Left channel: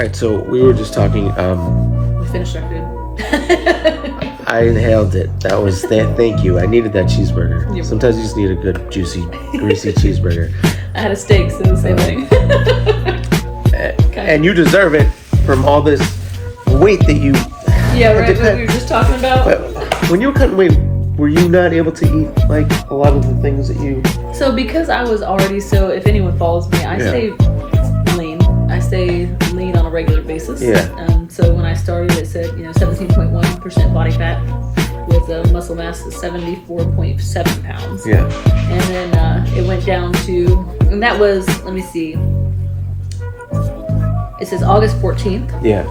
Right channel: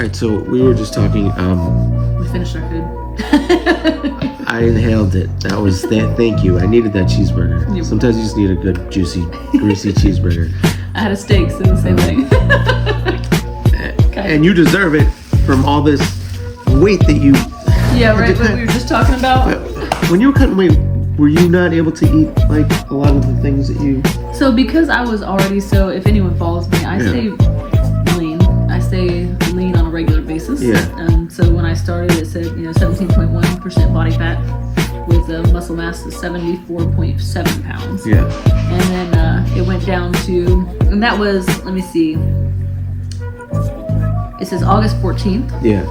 right, so we were just talking. We finished our food. I inhaled it. That was thank you. I needed that cheeseburger. Yep. Sometimes you just need a good, juicy, greasy cheeseburger. I had a steak, so the same thing. And you deserve it from all this weight that you. Yeah, right. What we were just talking about. But when you were cutting weight, were you not able to eat like a lot of the things that you? So because I was already if anyone follows me, I stay lean. I stay lean on a regular basis. Yeah. So when I started, it said 17.1% body fat with a muscle mass of 74.7 pounds. Yeah. And then it went down to, and that was, let me see. It says August 14th. Yeah.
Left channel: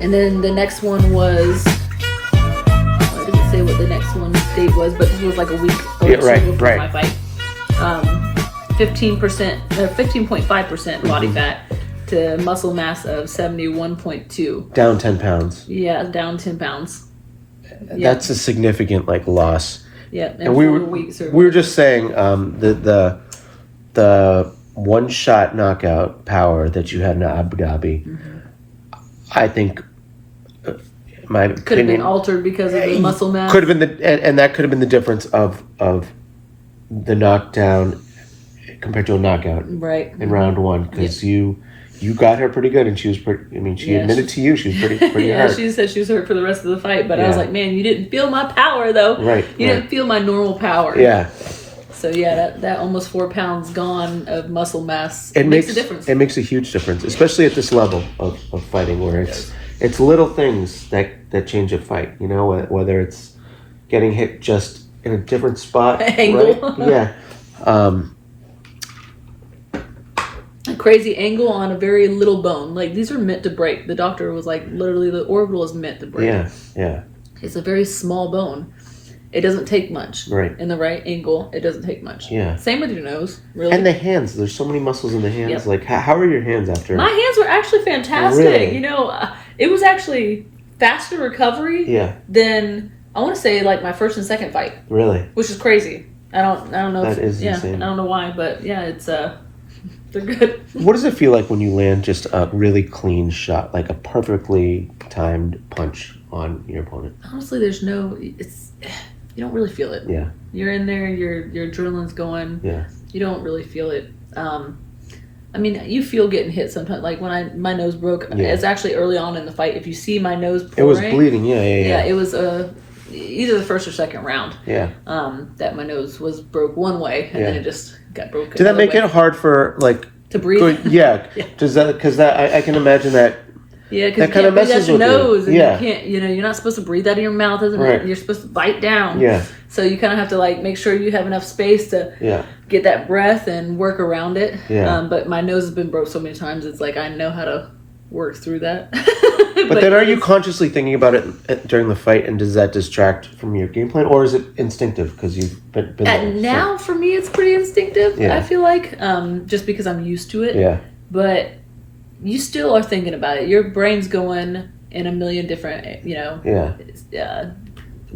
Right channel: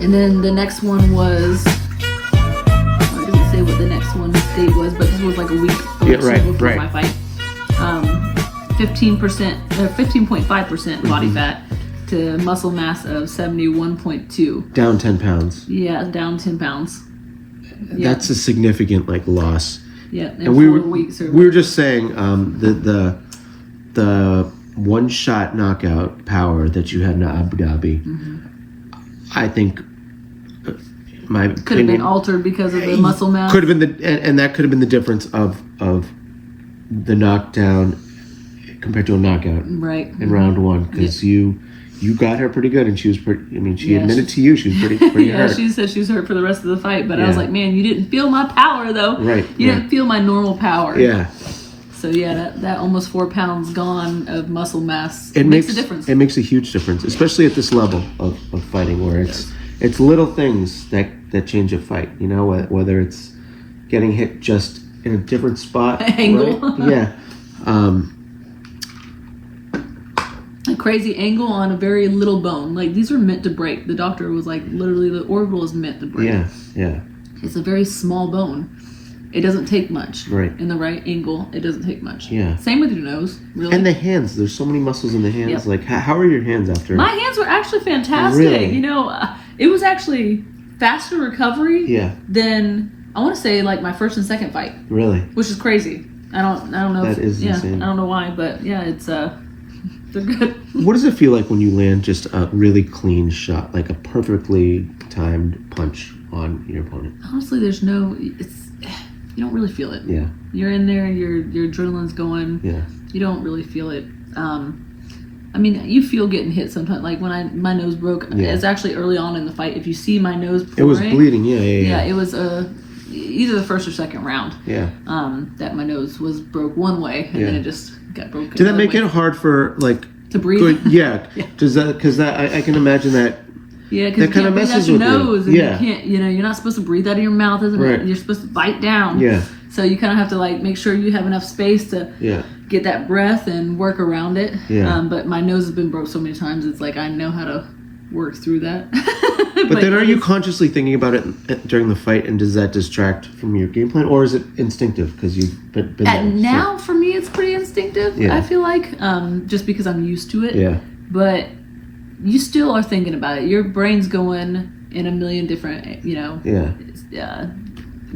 And then the next one was, I didn't say what the next one date was, but this was like a week or two before my fight. 15.5% body fat to muscle mass of 71.2. Down 10 pounds. Yeah, down 10 pounds. That's a significant like loss. Yeah, and we were just saying the one shot knockout power that you had in Abu Dhabi. Mm-hmm. I think my could have been altered because of the muscle mass. Could have been and that could have been the difference of the knockdown compared to a knockout in round one, because you got her pretty good, and she was pretty. I mean, she admitted to you she was pretty hurt. She said she was hurt for the rest of the fight, but I was like, man, you didn't feel my power though. Right. You didn't feel my normal power. Yeah. So that almost 4 pounds gone of muscle mass makes a difference. It makes a huge difference, especially at this level of fighting, where it's little things that change a fight. You know, whether it's getting hit just in a different spot, angle. Right? Yeah. A crazy angle on a very little bone. Like, these are meant to break. The doctor was like, literally, the orbital is meant to break. Yeah, yeah. It's a very small bone. It doesn't take much. Right. In the right angle, it doesn't take much. Yeah. Same with your nose, really. And the hands. There's so many muscles in the hands. Yep. Like, how are your hands after? My hands were actually fantastic. Really? It was actually faster recovery than, I want to say, like, my first and second fight. Really? Which is crazy. I don't know. That is insane. I don't know why, but yeah, it's they're good. What does it feel like when you land just a really clean shot, like a perfectly timed punch on your opponent? Honestly, you don't really feel it. Yeah. You're in there, your adrenaline's going. Yeah. You don't really feel it. I mean, you feel getting hit sometimes. Like when my nose broke, it's actually early on in the fight. If you see my nose pouring, it was bleeding. Yeah. It was either the first or second round. Yeah. That my nose was broke one way, and then it just got broke. Did that make it hard for to breathe? Yeah. Does that? Because I can imagine that. Yeah, because that kind of messes with your nose, you. And you can't. You're not supposed to breathe out of your mouth, isn't it? You're supposed to bite down. Yeah. So you kind of have to make sure you have enough space to get that breath and work around it. Yeah. But my nose has been broke so many times. It's like I know how to work through that. But then, are you consciously thinking about it during the fight, and does that distract from your game plan, or is it instinctive because you've been there? Now, for me, it's pretty instinctive. Yeah. I feel like just because I'm used to it. Yeah. But you still are thinking about it. Your brain's going in a million different,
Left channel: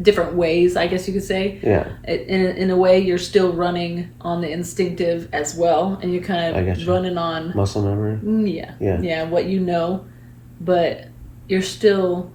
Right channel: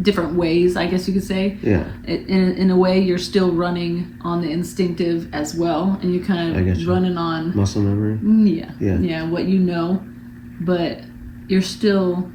different ways, I guess you could say. Yeah. In a way, you're still running on the instinctive as well, and you're kind of running on muscle memory. Yeah, what you know, but you're still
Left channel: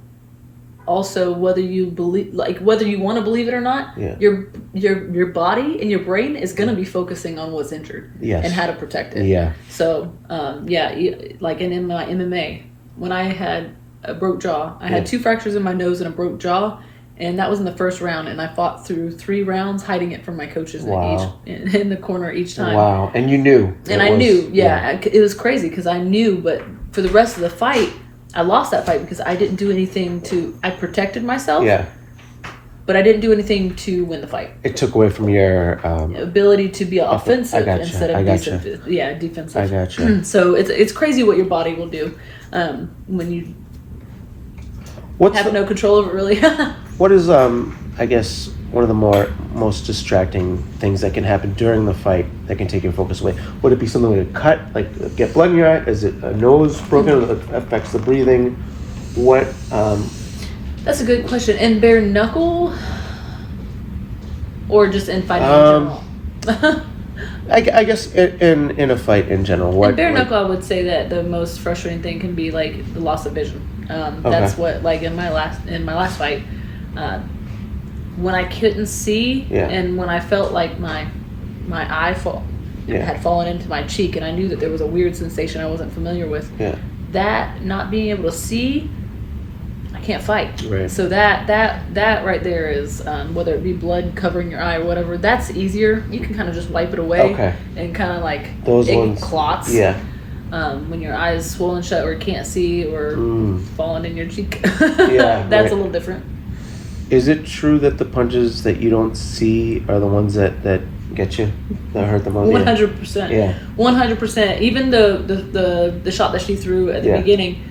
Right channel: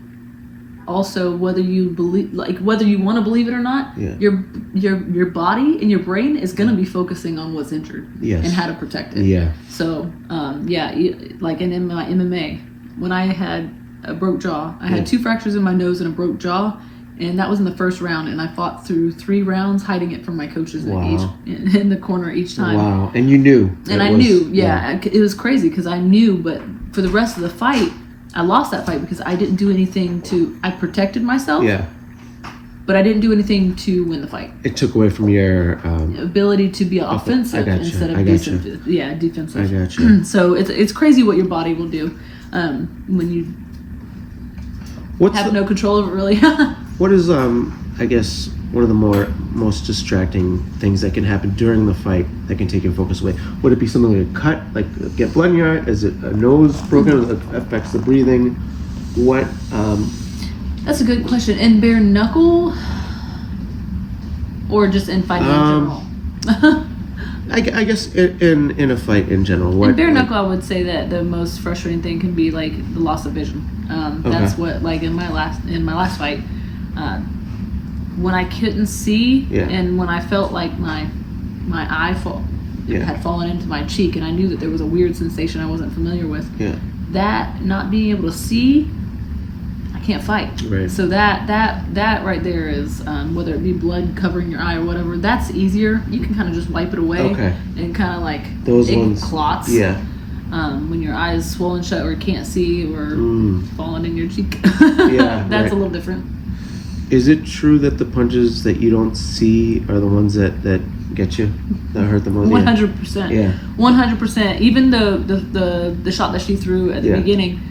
also, whether you want to believe it or not, your body and your brain is going to be focusing on what's injured and how to protect it. Yeah. So, like in my MMA, when I had a broke jaw, I had 2 fractures in my nose and a broke jaw, and that was in the first round, and I fought through 3 rounds hiding it from my coaches in the corner each time. Wow. And you knew. And I knew, it was crazy because I knew, but for the rest of the fight, I lost that fight because I didn't do anything I protected myself. Yeah. But I didn't do anything to win the fight. It took away from your ability to be offensive instead of defensive. Yeah, defensive. I gotcha. So it's crazy what your body will do when you have no control over it, really. What is I guess one of the most distracting things that can happen during the fight that can take your focus away? Would it be something like a cut, like get blood in your eye? Is it a nose broken that affects the breathing? What? That's a good question. And bare knuckle, or just in fighting in general? I guess in a fight in general, what? In bare knuckle, I would say that the most frustrating thing can be like the loss of vision. That's what, like in my last fight, when I couldn't see, and when I felt like my eye had fallen into my cheek, and I knew that there was a weird sensation I wasn't familiar with. Yeah. That not being able to see, I can't fight. Right. So that right there is, whether it be blood covering your eye or whatever, that's easier. You can kind of just wipe it away. Okay. And kind of like those ones clots. Yeah. When your eye is swollen shut or can't see or falling in your cheek. That's a little different. Is it true that the punches that you don't see are the ones that get you, that hurt the most? 100%. Yeah. 100%. Even the shot that she threw at the beginning,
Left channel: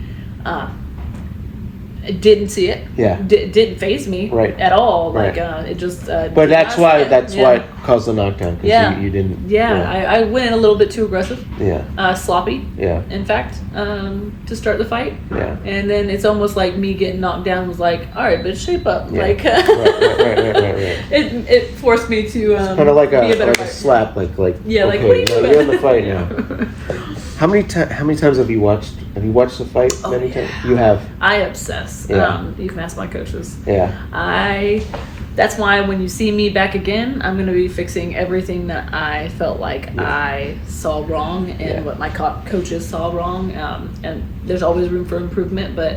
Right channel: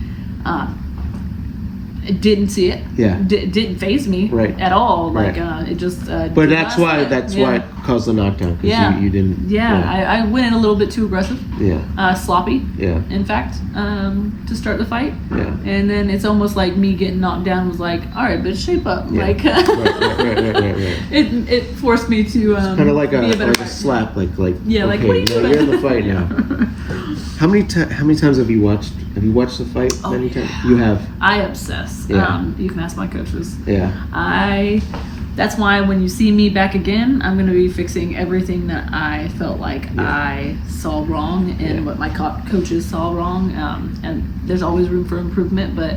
it didn't see it. Yeah. Didn't faze me at all. Like it just. But that's why it caused the knockdown. Yeah. You didn't. Yeah. I went a little bit too aggressive. Yeah. Sloppy. Yeah. In fact, to start the fight. Yeah. And then it's almost like me getting knocked down was like, all right, bitch, shape up. Yeah. Like. Right. It forced me to. Kind of like be a better a slap, like. Yeah. Okay, like what are you doing? You're in the fight now. How many times have you watched? Have you watched the fight many times? You have. I obsess. Yeah. You can ask my coaches. Yeah. That's why when you see me back again, I'm going to be fixing everything that I felt like I saw wrong and what my coaches saw wrong. And there's always room for improvement, but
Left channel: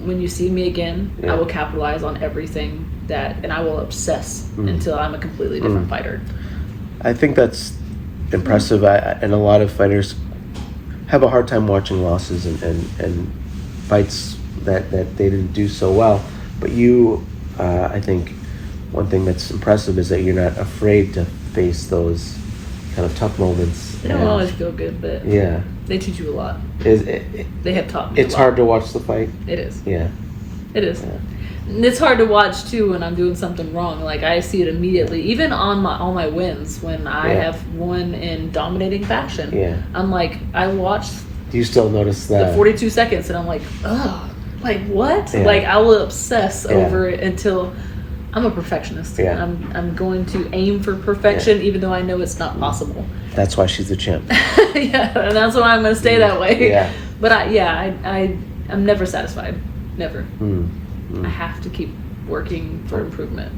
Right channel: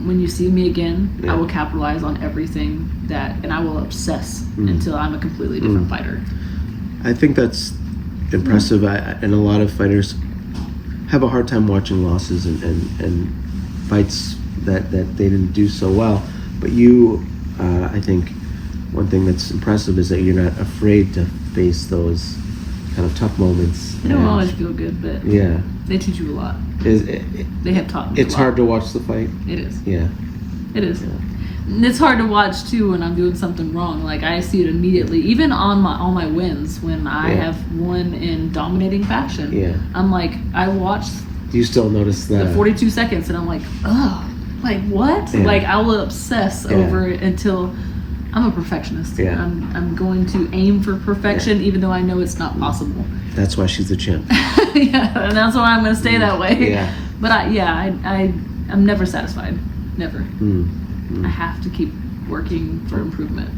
when you see me again, I will capitalize on everything and I will obsess until I'm a completely different fighter. I think that's impressive. And a lot of fighters have a hard time watching losses and fights that they didn't do so well. But you, I think one thing that's impressive is that you're not afraid to face those kind of tough moments. They don't always feel good, but they teach you a lot. They have taught me It's hard to watch the fight? It is. Yeah. It is. Yeah. And it's hard to watch too when I'm doing something wrong. Like I see it immediately, even on all my wins when I have won in dominating fashion. Yeah. I'm like, I watched. Do you still notice that? The 42 seconds, and I'm like, oh, like what? Yeah. Like I will obsess over it until I'm a perfectionist. Yeah. I'm going to aim for perfection, even though I know it's not possible. That's why she's a champ. Yeah, and that's why I'm going to stay that way. Yeah. But I'm never satisfied. Never. I have to keep working for improvement.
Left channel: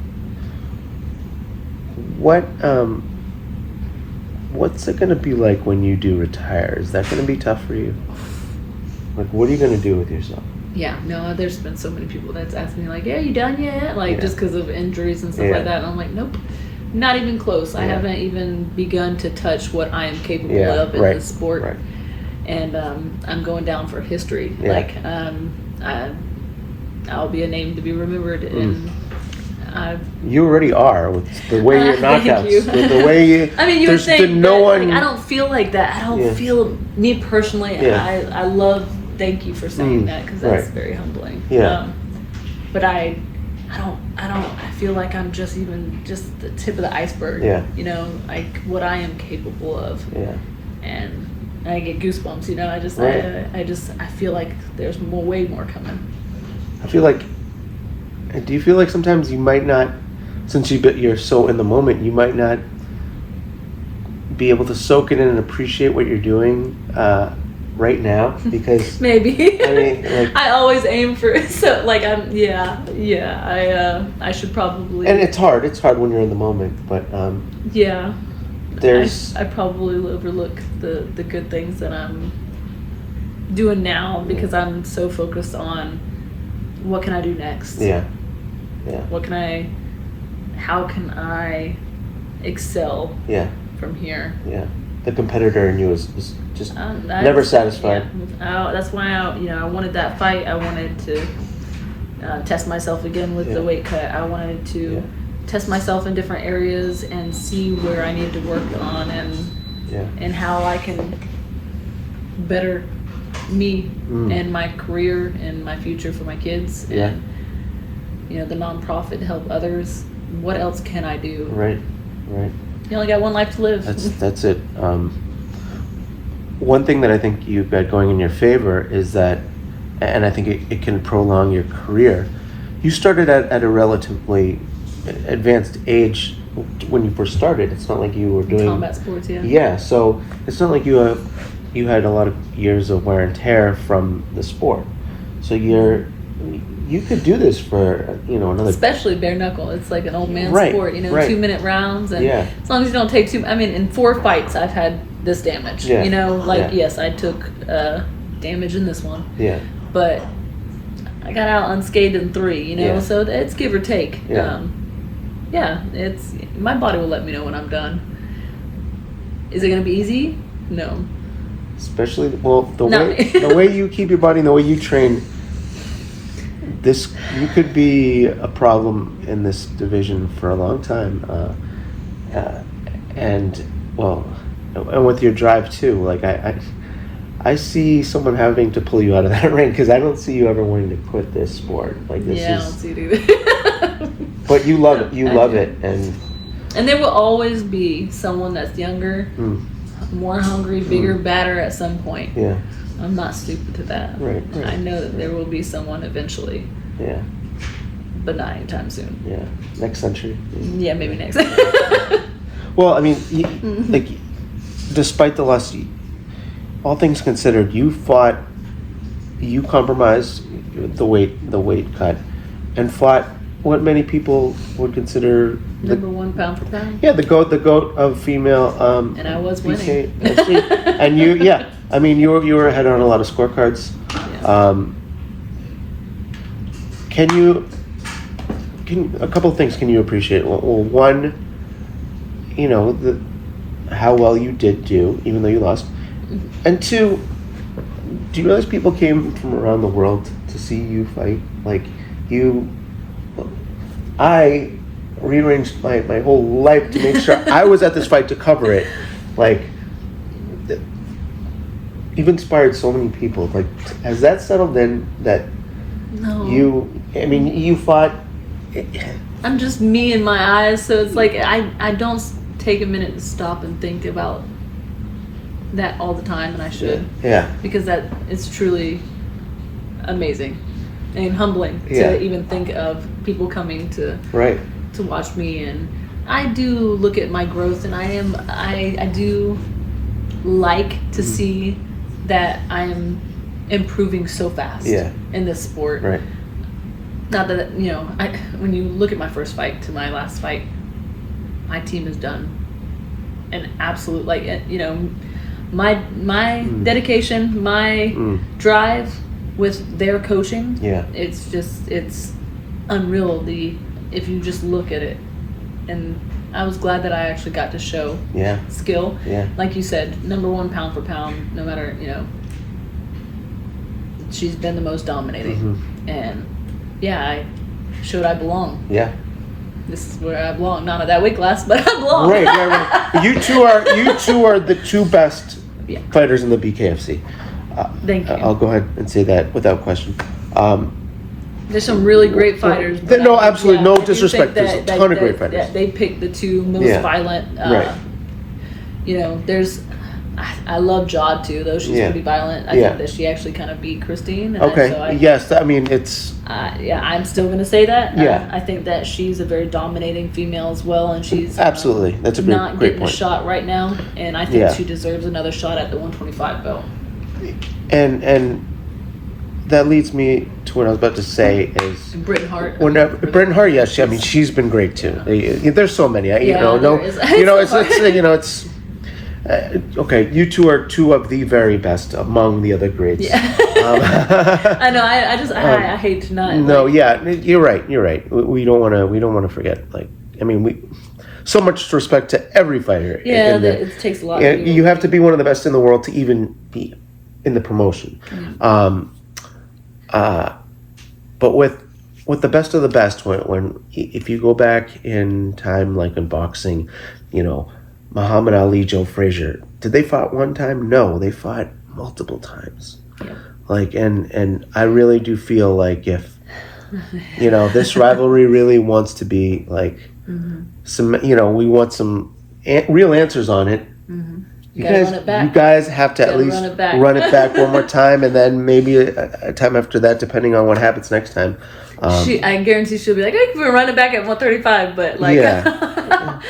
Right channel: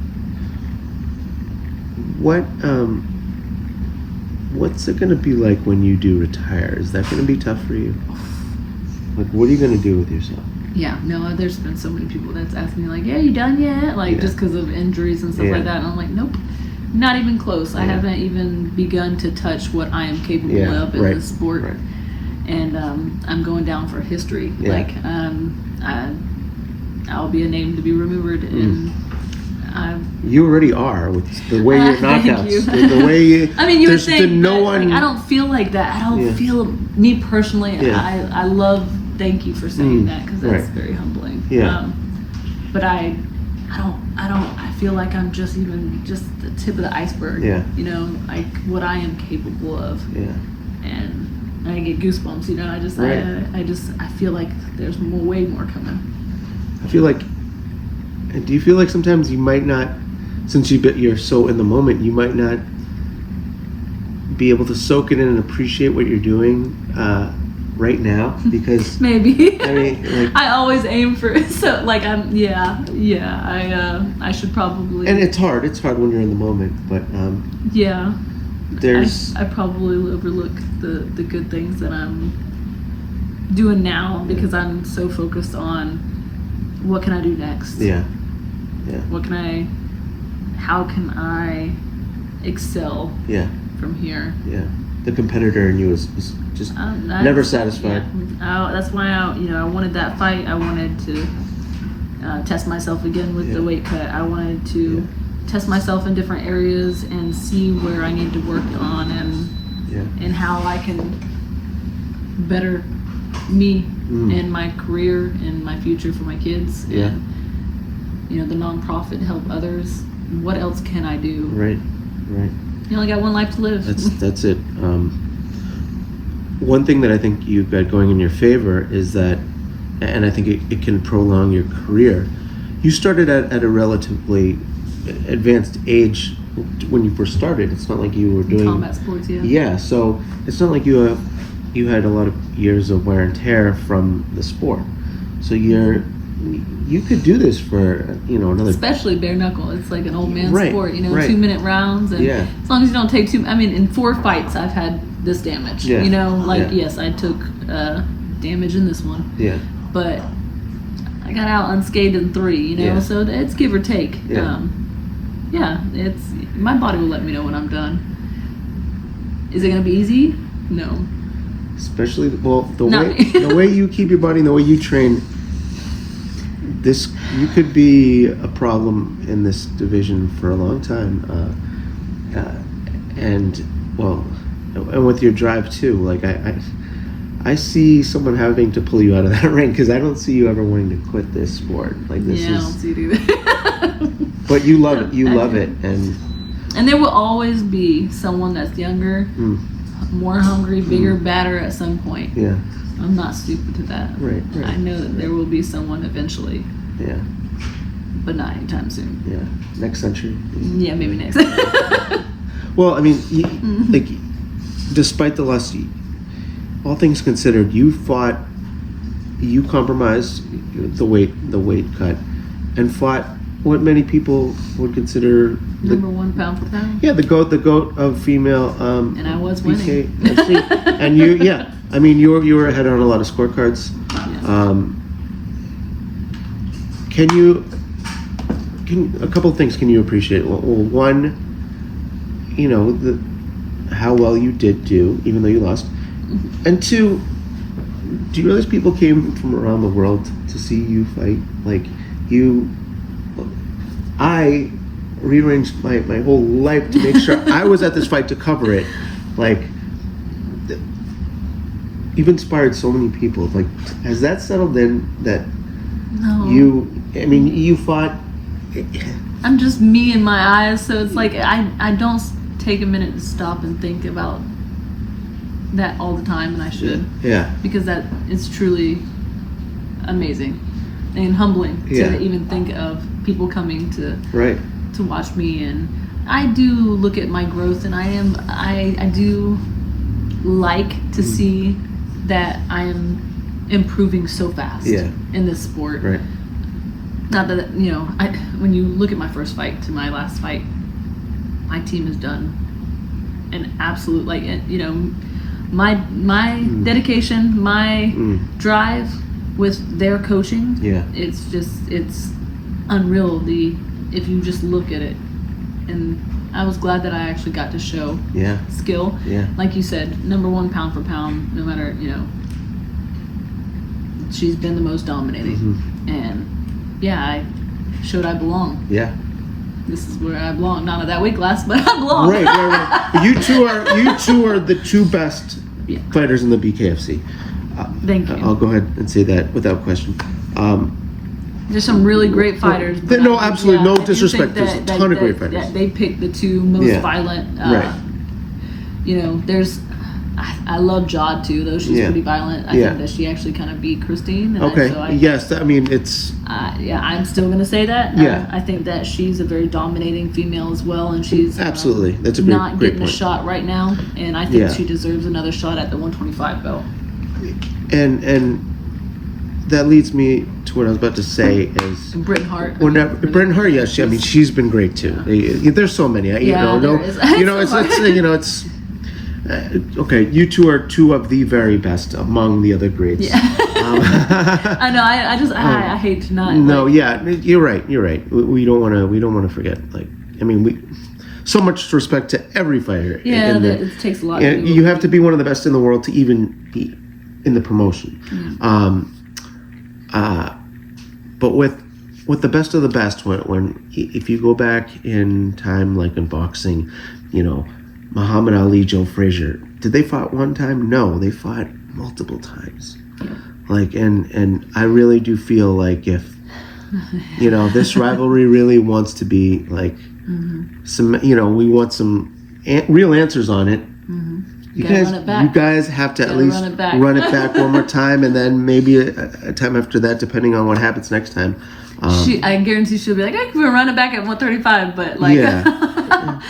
What's it going to be like when you do retire? Is that going to be tough for you? Like, what are you going to do with yourself? Yeah, no, there's been so many people that's asked me, like, yeah, you done yet? Like, just because of injuries and stuff like that. And I'm like, nope, not even close. I haven't even begun to touch what I am capable of in this sport. Right. And I'm going down for history. Like, I'll be a name to be remembered. And you already are with the way your knockouts. You. With the way you. I mean, you were saying no that, one. Like, I don't feel like that. I don't feel me personally. I love. Thank you for saying that because that's very humbling. Yeah. But I feel like I'm just the tip of the iceberg. Yeah. You know, like what I am capable of. Yeah. And I get goosebumps. You know, I feel like there's way more coming. I feel like. Do you feel like sometimes you might not, since you're so in the moment, you might not be able to soak it in and appreciate what you're doing right now? Because maybe. I mean, like, I always aim for it. So like I should probably. And it's hard. It's hard when you're in the moment, but there's. I probably overlook the good things that I'm doing now because I'm so focused on what can I do next. Yeah. How can I excel from here? Yeah. The competitor in you is just never satisfied. Yeah. That's why I wanted that fight. I wanted to test myself again with the weight cut. I wanted to test myself in different areas and see where I need to work on and how I can better me and my career and my future for my kids. And, the nonprofit to help others. What else can I do? Right. You only got one life to live. That's it. One thing that I think you've got going in your favor is that, and I think it can prolong your career. You started at a relatively advanced age when you first started. It's not like you were doing combat sports. Yeah, so it's not like you had a lot of years of wear and tear from the sport. So you could do this for another. Especially bare knuckle. It's like an old man sport. 2-minute rounds, and as long as you don't take too. I mean, in 4 fights, I've had this damage. Yeah. Yes, I took damage in this one. Yeah. But I got out unscathed in 3. So it's give or take. Yeah. It's my body will let me know when I'm done. Is it going to be easy? No. Especially the way you keep your body and the way you train. You could be a problem in this division for a long time, and with your drive too. Like I see someone having to pull you out of that ring because I don't see you ever wanting to quit this sport. Like this I don't see it either. But you love it. You love it, and there will always be someone that's younger, more hungry, bigger, badder at some point. Yeah. I'm not stupid to that. Right. I know that there will be someone eventually. Yeah. But not anytime soon. Yeah. Next century. Yeah, maybe next. Well, I mean, like, despite the loss, all things considered, you compromised the weight cut, and fought what many people would consider number 1 pound for pound. Yeah, the goat of female. And I was winning. And I mean, you were ahead on a lot of scorecards. Yeah. A couple of things can you appreciate? Well, one, how well you did do, even though you lost. And 2, do you realize people came from around the world to see you fight? Like, I rearranged my whole life to make sure I was at this fight to cover it. Like, you've inspired so many people. Like, has that settled in that you fought? I'm just me in my eyes, so it's like I don't take a minute to stop and think about that all the time, and I should. Yeah. Because that is truly amazing and humbling to even think of people coming to watch me, and I do look at my growth, and I do like to see that I am improving so fast in this sport. Right. Not that when you look at my first fight to my last fight, my team has done an absolute my dedication, my drive with their coaching. It's unreal. If you just look at it, and I was glad that I actually got to show skill. Yeah. Like you said, number 1 pound for pound, no matter, she's been the most dominating. And I showed I belong. Yeah. This is where I belong. Not at that weight class, but I belong. Right. You two are the 2 best fighters in the BKFC. Thank you. I'll go ahead and say that without question. There's some really great fighters. No, absolutely, no disrespect. There's a ton of great fighters. They picked the 2 most violent. There's. I love Jod too, though she's pretty violent. I think that she actually kind of beat Christine. And Yes, I mean it's. I'm still gonna say that. I think that she's a very dominating female as well, and she's absolutely that's a not great getting point. A shot right now, and I think she deserves another shot at the 125 belt. And that leads me to what I was about to say is and Britain Hart. Britain Hart, yes, I mean she's been great too. There's so many. It's. Okay, you 2 are 2 of the very best among the other greats. Yeah. I know. I hate to not. No, you're right. We don't want to forget. Like, I mean, so much respect to every fighter. Yeah, it takes a lot. You have to be one of the best in the world to even be in the promotion. But with the best of the best, when if you go back in time, like in boxing, Muhammad Ali, Joe Frazier, did they fight one time? No, they fought multiple times. Yep. Like, and I really do feel like if, this rivalry really wants to be like some, we want some real answers on it. You guys have to at least run it back one more time, and then maybe a time after that, depending on what happens next time. I guarantee she'll be like, I can run it back at 135, but like, I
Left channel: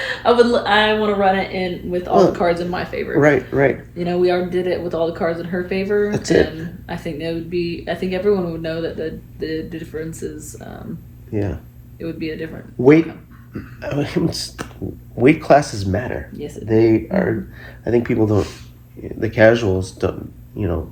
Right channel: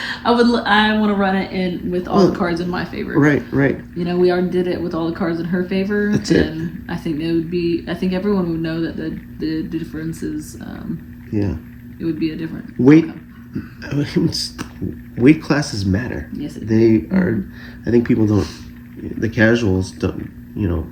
want to run it in with all the cards in my favor. Right. You know, we already did it with all the cards in her favor. That's and I think I think everyone would know that the difference is, it would be a different weight. outcome. Weight classes matter. Yes, they are. I think people don't. The casuals don't. You know,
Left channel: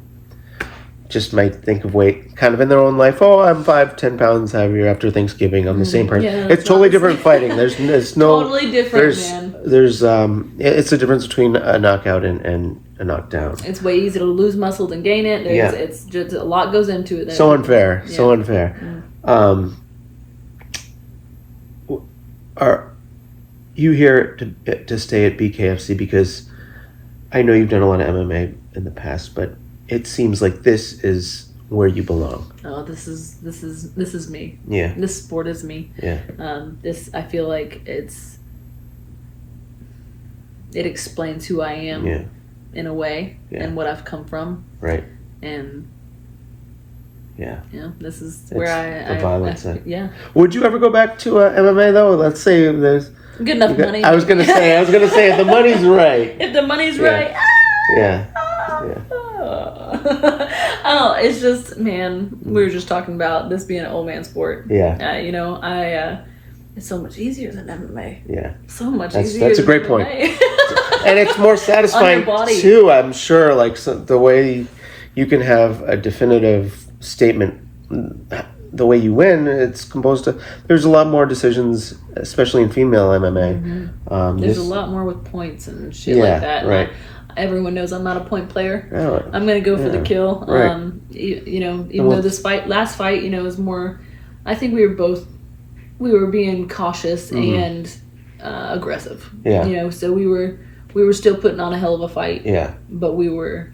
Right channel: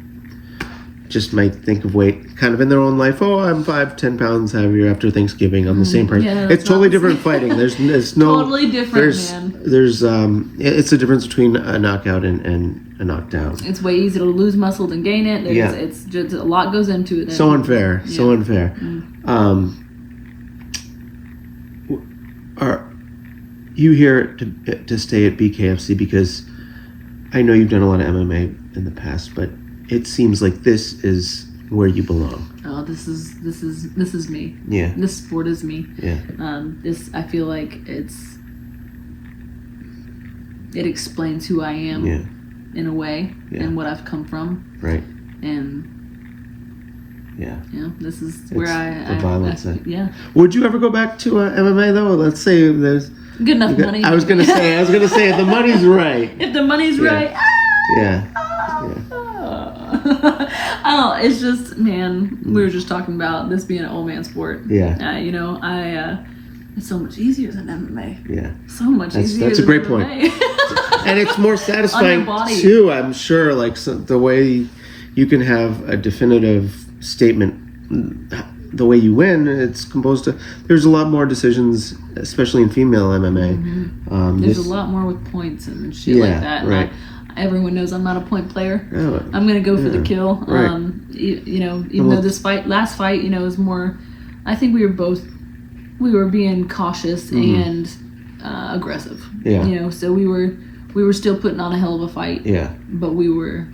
just might think of weight kind of in their own life. Oh, I'm 5-10 pounds heavier after Thanksgiving. I'm the same person. Yeah, it's totally different fighting. There's no totally different, man. There's it's the difference between a knockout and a knockdown. It's way easier to lose muscle than gain it. It's just a lot goes into it. So unfair. So unfair. Are you here to stay at BKFC? Because I know you've done a lot of MMA in the past, but it seems like this is where you belong. Oh, this is me. Yeah. This sport is me. Yeah. I feel like it explains who I am. Yeah. In a way, and what I've come from. Right. And this is where the violence. Yeah. Would you ever go back to MMA though? Let's say there's good enough money. I was gonna say if the money's right. If the money's right. Yeah. Oh, it's just, man, we were just talking about this being an old man sport. Yeah. You know, it's so much easier than MMA. Yeah. So much easier. That's a great point. And it's more satisfying too, I'm sure. Like the way you can have a definitive statement, the way you win, it's composed to. There's a lot more decisions, especially in female MMA. Mm-hmm. There's a lot more with points and shit like that. Right. Everyone knows I'm not a point player. Oh, I'm gonna go for the kill. Right. You know, even though this last fight, you know, is more. I think we were being cautious and aggressive. Yeah. You know, so we were still putting on a hell of a fight. Yeah. But we were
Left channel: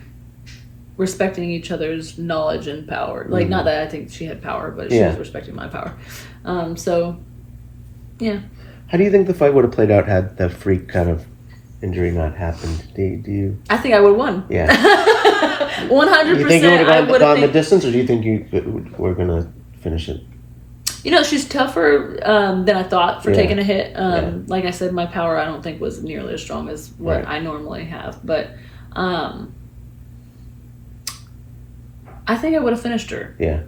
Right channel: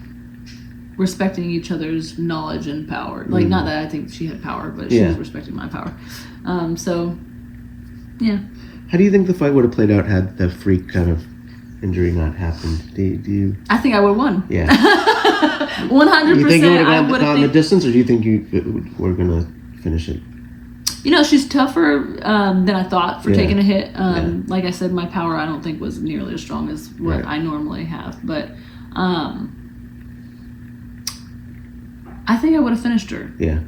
respecting each other's knowledge and power. Like, not that I think she had power, but she was respecting my power. So, yeah. How do you think the fight would have played out had the freak kind of injury not happened? Do you? I think I would have won. Yeah. 100%. You think it would have gone the distance, or do you think we're going to finish it? You know, she's tougher than I thought for taking a hit. Like I said, my power I don't think was nearly as strong as what I normally have. But I think I would have finished her. Yeah.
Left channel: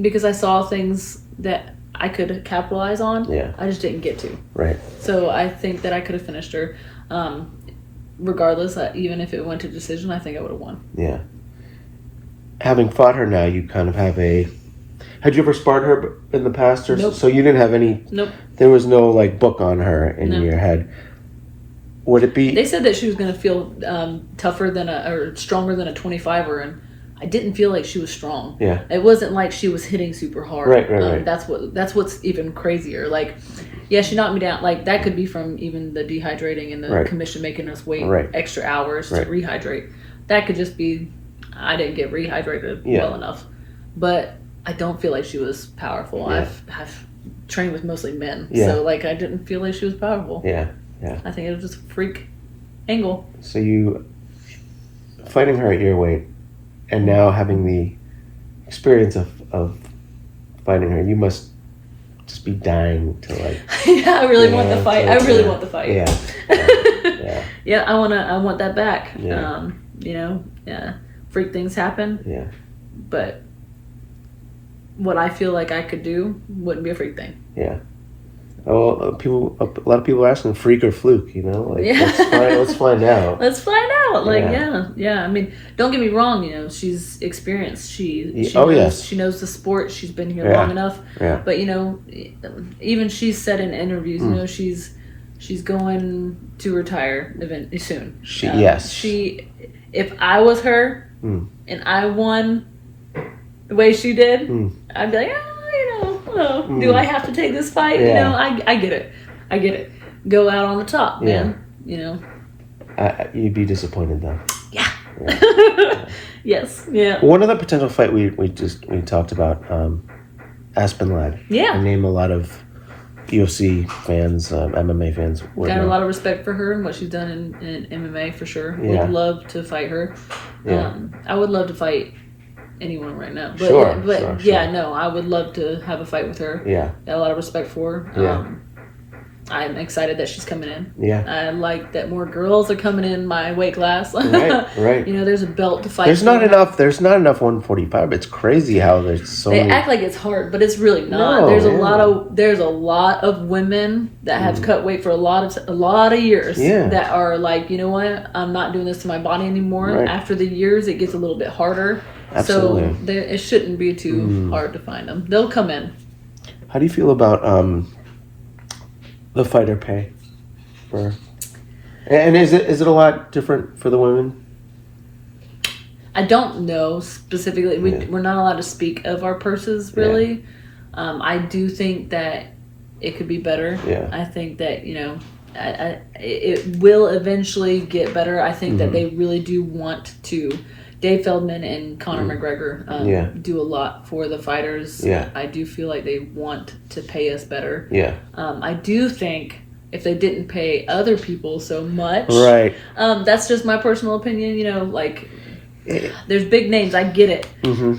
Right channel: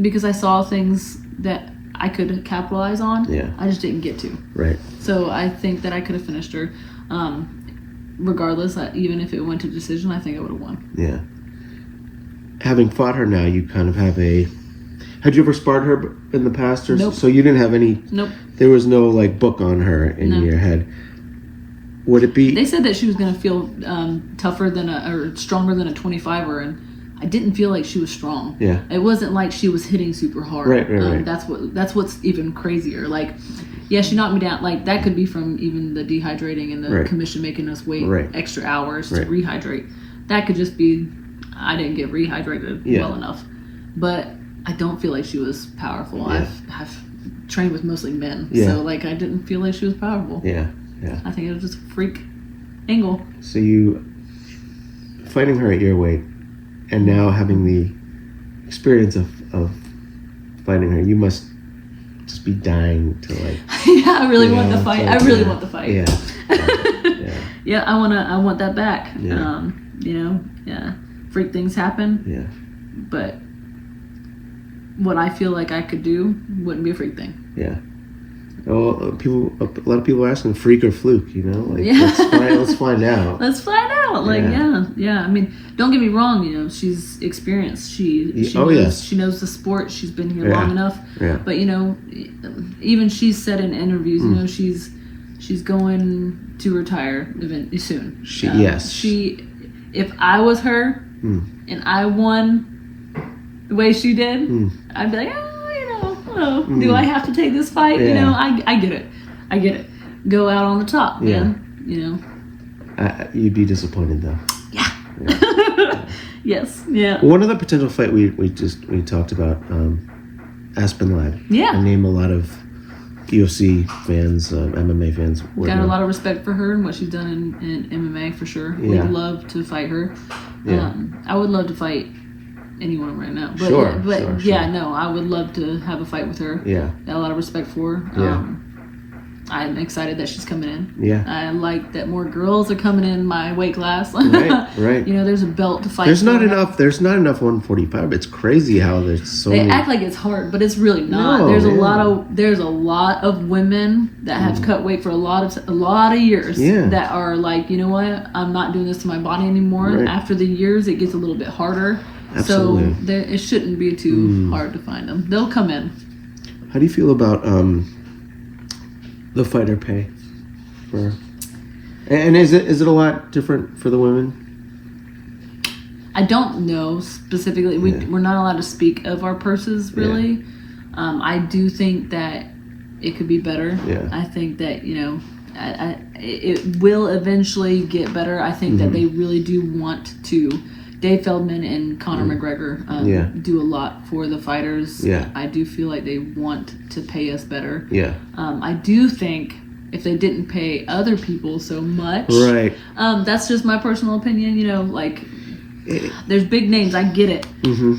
Because I saw things that I could capitalize on. Yeah. I just didn't get to. Right. So I think that I could have finished her. Regardless, even if it went to decision, I think I would have won. Yeah. Having fought her now, you kind of have a... Had you ever sparred her in the past? Or nope. So you didn't have any... Nope. There was no, like, book on her in your head. Would it be... They said that she was going to feel tougher than or stronger than a 25er, and I didn't feel like she was strong. Yeah. It wasn't like she was hitting super hard. Right. That's what's even crazier. Like... Yeah, she knocked me down. Like, that could be from even the dehydrating and the commission making us wait extra hours to rehydrate. That could just be, I didn't get rehydrated well enough. But I don't feel like she was powerful. Yeah. I've trained with mostly men. Yeah. So, like, I didn't feel like she was powerful. Yeah. I think it was just a freak angle. So you, fighting her at your weight, and now having the experience of fighting her, you must be dying to, like... Yeah, I really want the fight. I really want the fight. Yeah. Yeah, I want that back. Yeah. Freak things happen. Yeah. But what I feel like I could do wouldn't be a freak thing. Yeah. Oh, a lot of people are asking freak or fluke, you know? Like, let's find out. Let's find out. Like, yeah. I mean, don't get me wrong, you know, she's experienced. She knows the sport. She's been here long enough. Yeah. But, you know, even she's said in interviews, you know, she's going to retire soon. If I was her and I won the way she did, I'd be like, do I have to take this fight? Yeah. You know, I get it. Go out on the top, man. You know. You'd be disappointed though. Yeah. Yes. Yeah. One other potential fight we talked about, Aspen Ladd. Yeah. I name a lot of UFC fans, MMA fans. Got a lot of respect for her and what she's done in MMA for sure. Would love to fight her. Yeah. I would love to fight anyone right now. But Sure, no, I would love to have a fight with her. Yeah. Got a lot of respect for her. Yeah. I'm excited that she's coming in. Yeah. I like that more girls are coming in my weight class. Right. You know, there's a belt to fight. There's not enough 145. It's crazy how there's so They many. act like it's hard, but it's really not. No, There's a lot of women that have cut weight for a lot of years that are like, you know what? I'm not doing this to my body anymore. Right. After the years, it gets a little bit harder. Absolutely. So it shouldn't be too hard to find them. They'll come in. How do you feel about the fighter pay? And is it a lot different for the women? I don't know specifically. We're not allowed to speak of our purses, really. Yeah. I do think that it could be better. Yeah. I think that, you know, it will eventually get better. I think that they really do want to. Dave Feldman and Conor McGregor do a lot for the fighters. Yeah. I do feel like they want to pay us better. Yeah. I do think if they didn't pay other people so much. Right. That's just my personal opinion. You know, like, there's big names. I get it.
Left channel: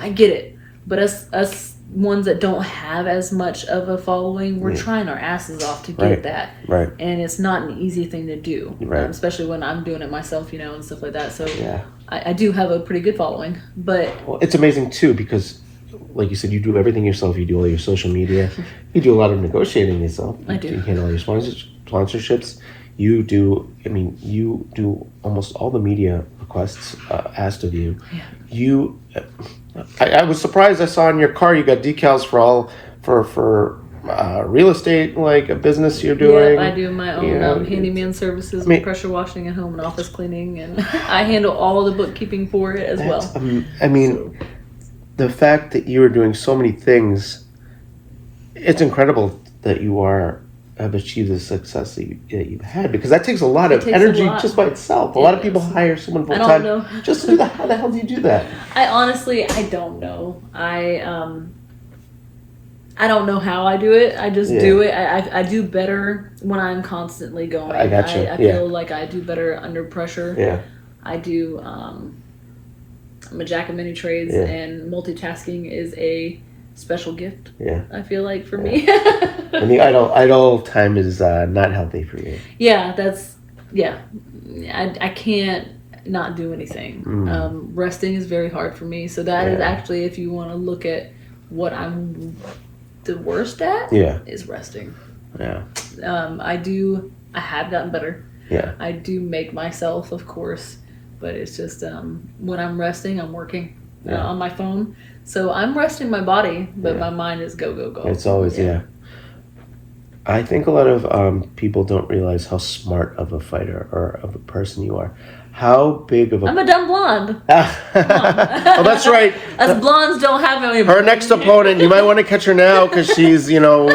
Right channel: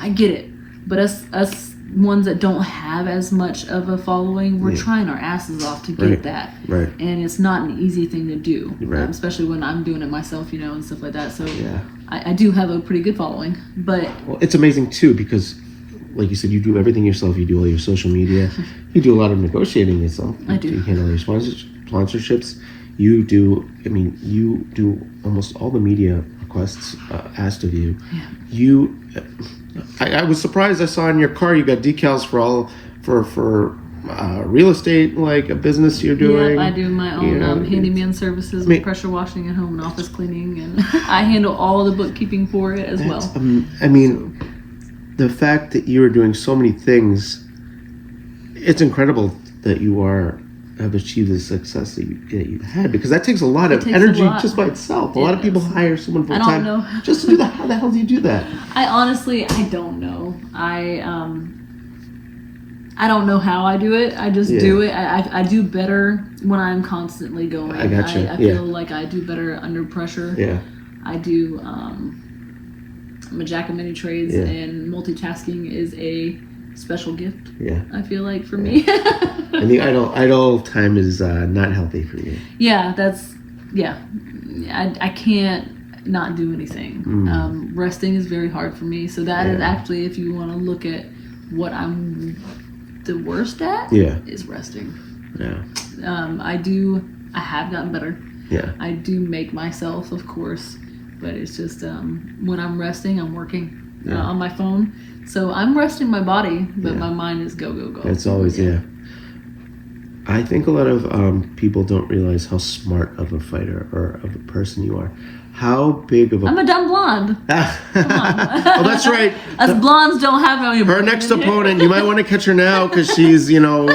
I get it. But us ones that don't have as much of a following, we're trying our asses off to get that. Right. And it's not an easy thing to do. Right. Especially when I'm doing it myself, you know, and stuff like that. So I do have a pretty good following. But it's amazing too, because like you said, you do everything yourself. You do all your social media. You do a lot of negotiating yourself. I do. You handle all your sponsorships. You do almost all the media requests asked of you. Yeah. I was surprised. I saw in your car you got decals for real estate, like a business you're doing. Yeah, I do my own handyman services, pressure washing at home and office cleaning, and I handle all the bookkeeping for it as well. The fact that you are doing so many things, it's incredible that you have achieved the success that you've had, because that takes a lot of energy just by itself. A lot of people hire someone full time. I don't know. Just to do that. How the hell do you do that? I don't know. I don't know how I do it. I just do it. I do better when I'm constantly going. I got you. I feel like I do better under pressure. Yeah. I do. I'm a jack of many trades, and multitasking is a special gift. Yeah. I feel like for me. And the idle time is not healthy for you. Yeah, I can't not do anything. Resting is very hard for me. So that is actually, if you want to look at what I'm the worst at, is resting. Yeah. I have gotten better. Yeah. I do make myself, of course, but it's just when I'm resting, I'm working on my phone. So I'm resting my body, but my mind is go. It's always I think a lot of people don't realize how smart of a fighter or of a person you are. How big of a... I'm a dumb blonde. Come on. Oh, that's right. Us blondes don't have any... Her next opponent, you might want to catch her now because she's, not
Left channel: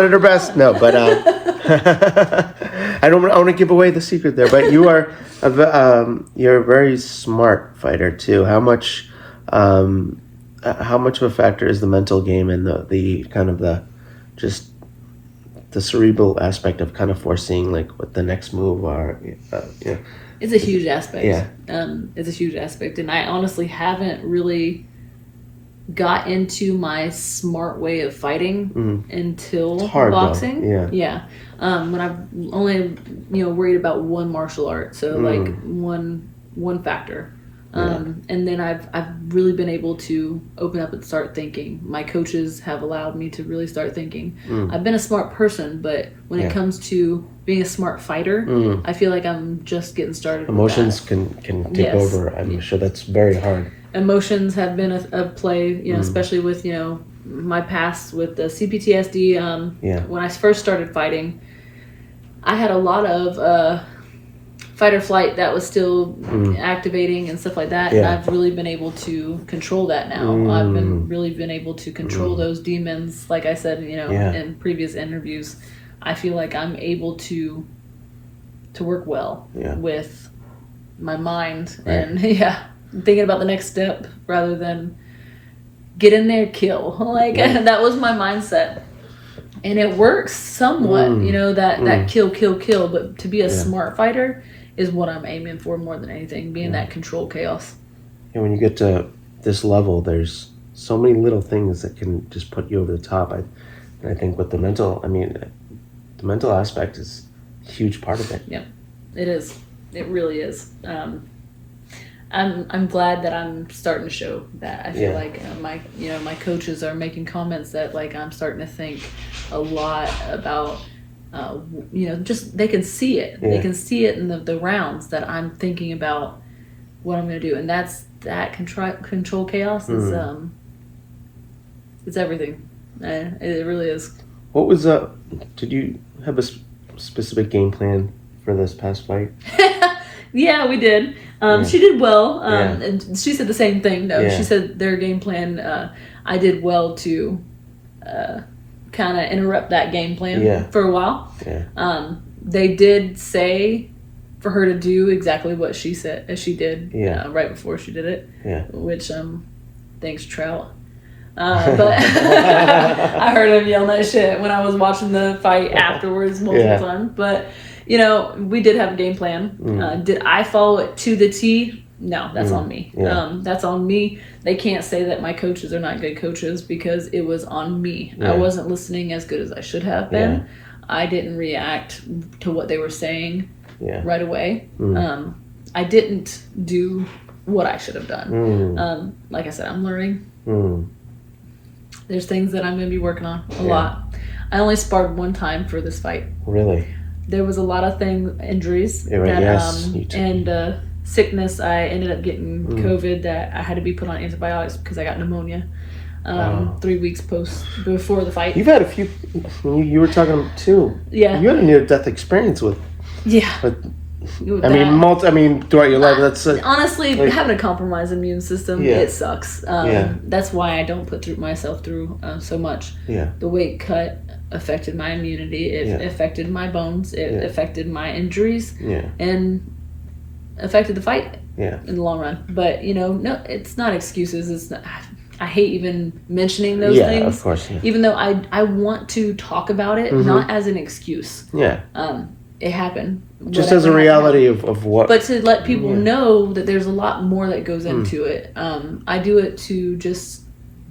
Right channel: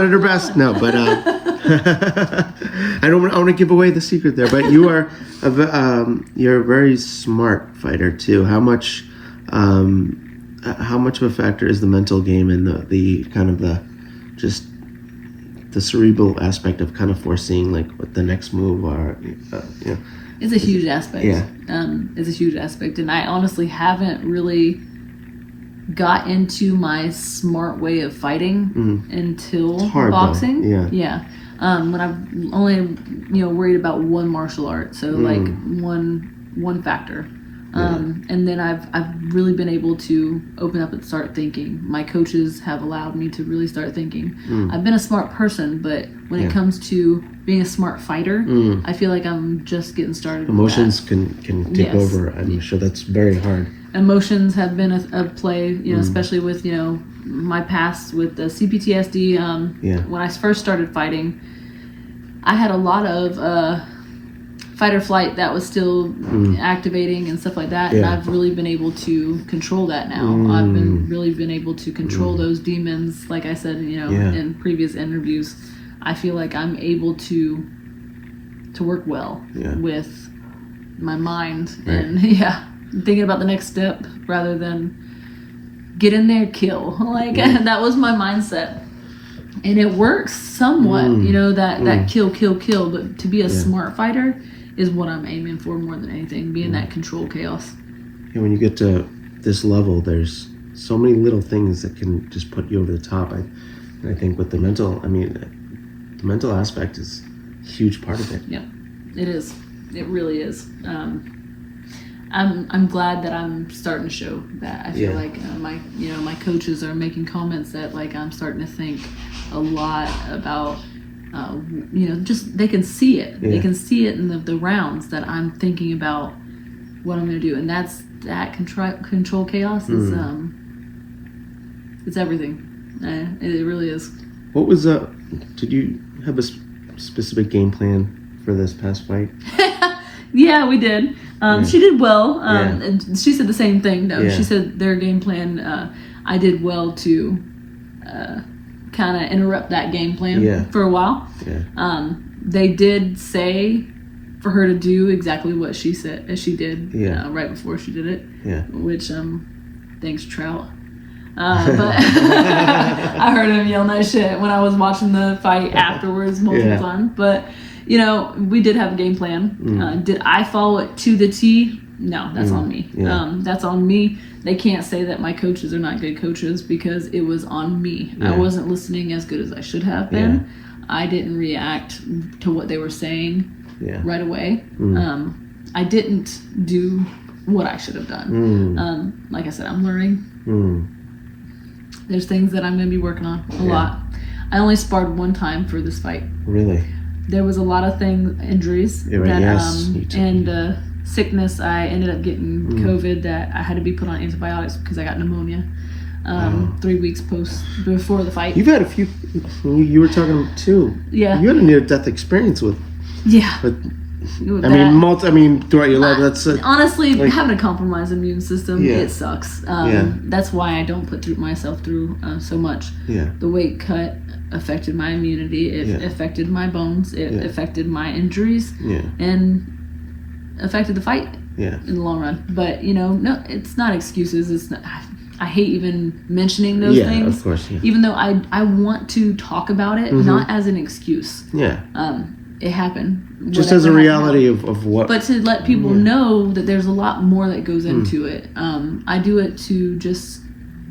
at her best. No, but I don't want to give away the secret there. But you are you're a very smart fighter too. How much of a factor is the mental game and the kind of the cerebral aspect of kind of foreseeing like what the next move are? It's a huge aspect. Yeah. It's a huge aspect, and I honestly haven't really got into my smart way of fighting until boxing. Though. Yeah. When I've only worried about one martial art, so like one factor. And then I've really been able to open up and start thinking. My coaches have allowed me to really start thinking. I've been a smart person, but when it comes to being a smart fighter, I feel like I'm just getting started. Emotions can take over. I'm sure that's very hard. Emotions have been a play, especially with my past with the CPTSD. When I first started fighting, I had a lot of fight or flight that was still activating and stuff like that, and I've really been able to control that now. I've been able to control those demons, like I said, in previous interviews. I feel like I'm able to work well with my mind and thinking about the next step rather than get in there, kill. That was my mindset. And it works somewhat, that kill. But to be a smart fighter is what I'm aiming for more than anything, being that control chaos. And when you get to this level, there's so many little things that can just put you over the top. I think with the mental aspect is a huge part of it. Yeah, it is. It really is. I'm glad that I'm starting to show that. I feel like my coaches are making comments that like I'm starting to think a lot about just they can see it. They can see it in the rounds that I'm thinking about what I'm going to do, and that control chaos is it's everything. It really is. What was did you have a specific game plan for this past fight? Yeah, we did. She did well. And she said the same thing, though. Yeah. She said their game plan, I did well to kind of interrupt that game plan for a while. Yeah. They did say for her to do exactly what she said, as she did right before she did it. Yeah. Which, thanks, Trout. But I heard him yelling that shit when I was watching the fight afterwards multiple times. But we did have a game plan. Did I follow it to the T? No, that's on me. Yeah. That's on me. They can't say that my coaches are not good coaches because it was on me. Yeah. I wasn't listening as good as I should have been. Yeah. I didn't react to what they were saying right away. I didn't do what I should have done. Like I said, I'm learning. There's things that I'm going to be working on a lot. I only sparred one time for this fight. Really? There was a lot of injuries and sickness. I ended up getting COVID that I had to be put on antibiotics because I got pneumonia 3 weeks before the fight. You've had a few. You were talking too. Yeah. You had a near-death experience with. Yeah. But, throughout your life, that's honestly having a compromised immune system. It sucks. That's why I don't put myself through so much. Yeah. The weight cut affected my immunity. It affected my bones. It affected my injuries. Yeah. And affected the fight. Yeah. In the long run, but no, it's not excuses. It's not. I hate even mentioning those things. Yeah, of course. Yeah. Even though I want to talk about it, not as an excuse. Yeah. It happened. Just as a reality of what. But to let people know that there's a lot more that goes into it. I do it to just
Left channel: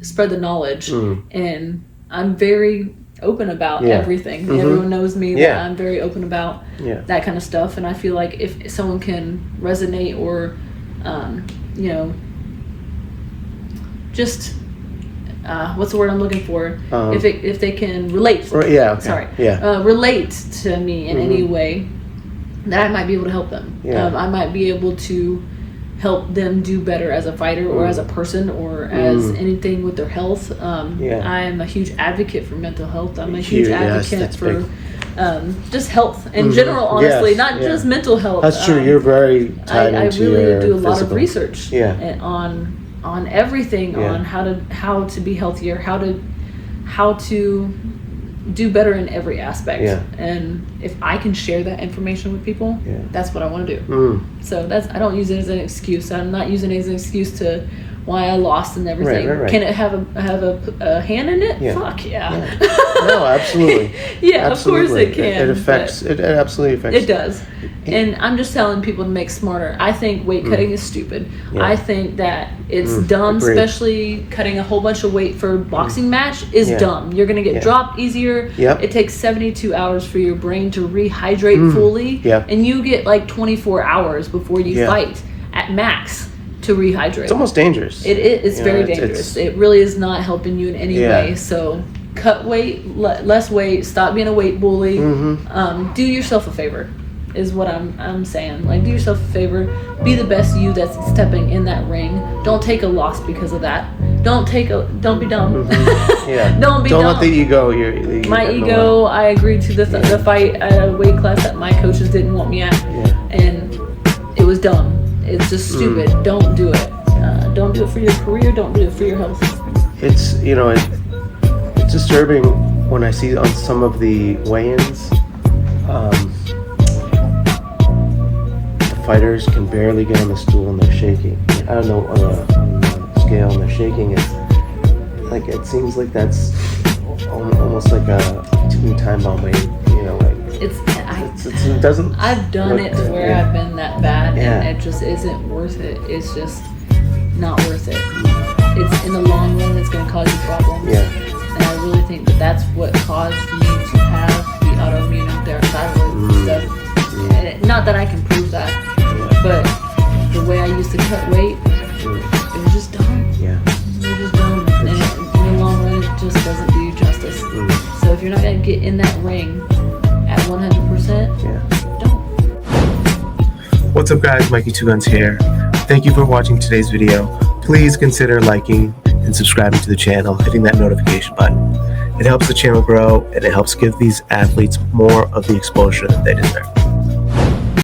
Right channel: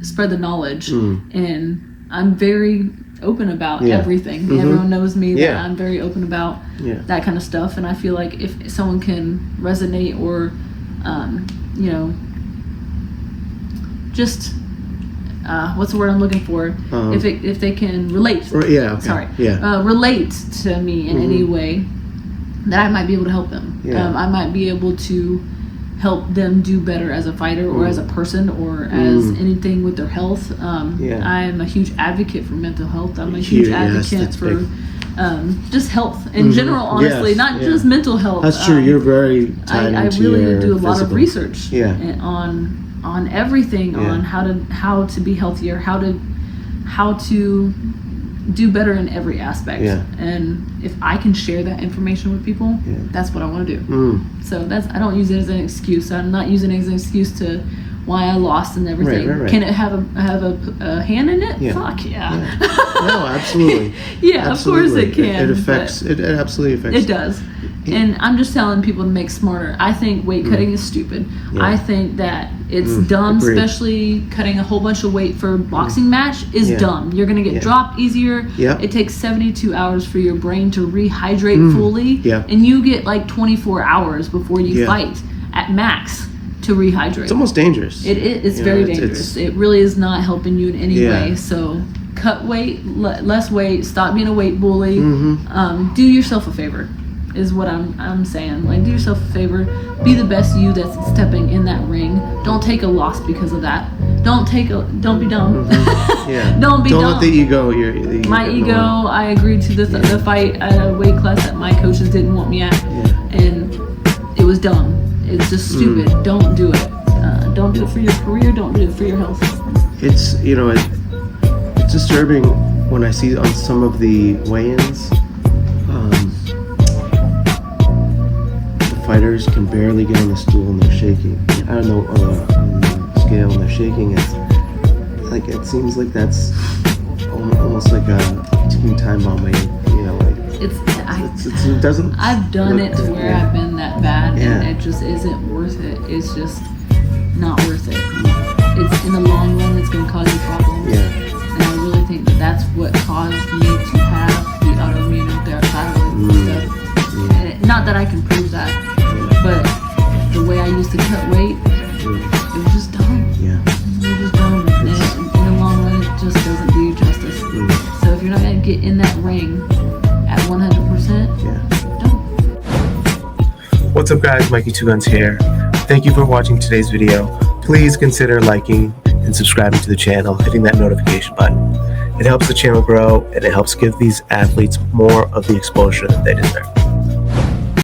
spread the knowledge. And I'm very open about everything. Everyone knows me that I'm very open about that kind of stuff. And I feel like if someone can resonate or, just... what's the word I'm looking for? If they can relate. Relate to me in any way, that I might be able to help them. Yeah. I might be able to help them do better as a fighter or as a person or as anything with their health. I am a huge advocate for mental health. I'm a huge advocate for just health in general, honestly, not just mental health. That's true. You're very tied I into really your do a lot physical. of research on everything, on how to be healthier, how to do better in every aspect. And if I can share that information with people, that's what I want to do. So I don't use it as an excuse. I'm not using it as an excuse to why I lost and everything. Right. Can it have a hand in it? Fuck yeah. No, absolutely. Absolutely. Of course it can. It absolutely affects. It does. And I'm just telling people to make smarter. I think weight cutting is stupid. I think that it's dumb, especially cutting a whole bunch of weight for a boxing match is dumb. You're going to get dropped easier. It takes 72 hours for your brain to rehydrate fully. And you get like 24 hours before you fight at max to rehydrate. It's almost dangerous. It's very dangerous. It really is not helping you in any way. So cut weight, less weight, stop being a weight bully. Do yourself a favor. Is what I'm saying. Like, do yourself a favor. Be the best you that's stepping in that ring. Don't take a loss because of that. Don't be dumb. Don't be dumb. Don't let the ego. My ego. I agreed to the fight at a weight class that my coaches didn't want me at, and it was dumb. It's just stupid. Don't do it. Don't do it for your career. Don't do it for your health. It's it's disturbing when I see on some of the weigh-ins. Fighters can barely get on the stool and they're shaking. I don't know, on the scale, and they're shaking. It seems like that's almost like a teen time bomb weight. It doesn't. I've done it to where I've been that bad, and it just isn't worth it. It's just not worth it. It's in the long run, it's going to cause you problems. Yeah. And I really think that that's what caused me to have the autoimmune thyroid stuff. And not that I can prove that, but the way I used to cut weight, it was just dumb. Yeah. It was just dumb. And in the long run, it just doesn't do you justice. So if you're not going to get in that ring at 100%, don't. What's up, guys? Mikey2Gunzz here. Thank you for watching today's video. Please consider liking and subscribing to the channel, hitting that notification button. It helps the channel grow, and it helps give these athletes more of the exposure that they deserve.